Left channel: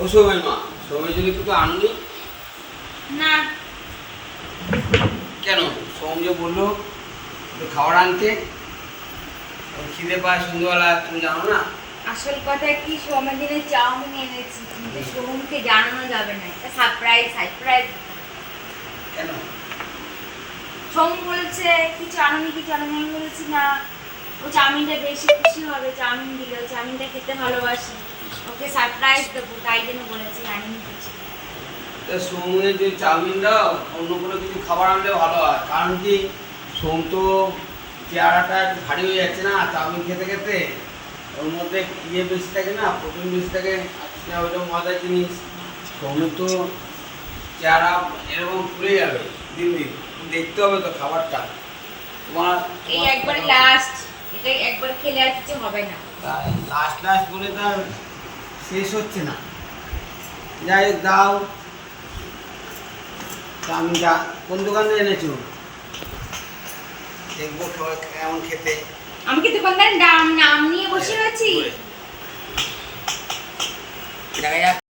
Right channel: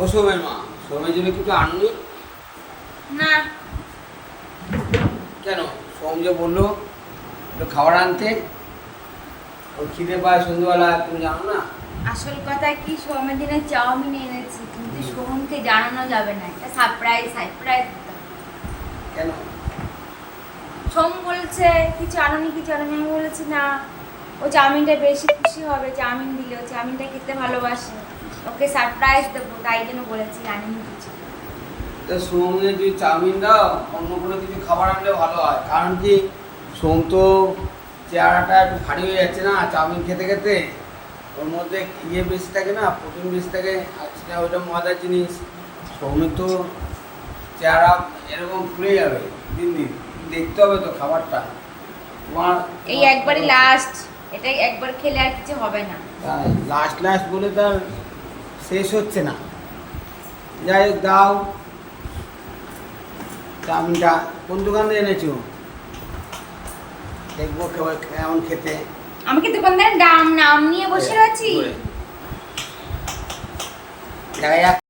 ও সোমের মা সোমের জন্য কিছু আনুনি না। কেন? সোম যে বলল খাবার আনতে। ওর খিদে পায় সন্ধ্যেবেলা তুমি জানো না? আসল কথা কি সোমের দিনে চাউমিন এনেছি কিন্তু সোমকে জানানো যাবে না এটা সারপ্রাইজ সারপ্রাইজ কেন? সোম বলছে কি চাউমিন কি চাউমিন? আমি বলেছি না। ও চাউমিনটা বেশি খুশি হবে চাউমিন দিলে ও চাউমিনটা খেতে ভালোবাসে। ওকে সারপ্রাইজ দেবো তাই জন্য বলেছি আনিনি কিছু সোমের যে চাউমিন দাও অন্য কোনো কিছু খাবার আনলে ভালো হয়? কারণ কি সোম তো চেহারাটা একটু ভারী হয়ে যাচ্ছে না চাউমিন খেতে খেতে। ওর মধ্যে ইয়ে বেশি থাকে না প্রোটিন বেশি থাকে সেটা ওইটা মজার জিনিস। সোমের তো চেহারা এরকম ফুলে যাবে দিন দিন। দেখতে হবে তো খাবারটা। তোমার এই একবারই লাস্ট এটা একবার খেলে আর কিছু হবে না। তাই লাস্ট লাস্ট বলে তো শেষ হচ্ছে না। যাই দাও। চাউমিনটা কোন দোকানে থেকে এনেছো? দেখব সবাই কেমন খেতে। আমি কি দোকানদারের নাম নাম নিয়ে বসে হ্যাঁ, আছি। দেখা যাক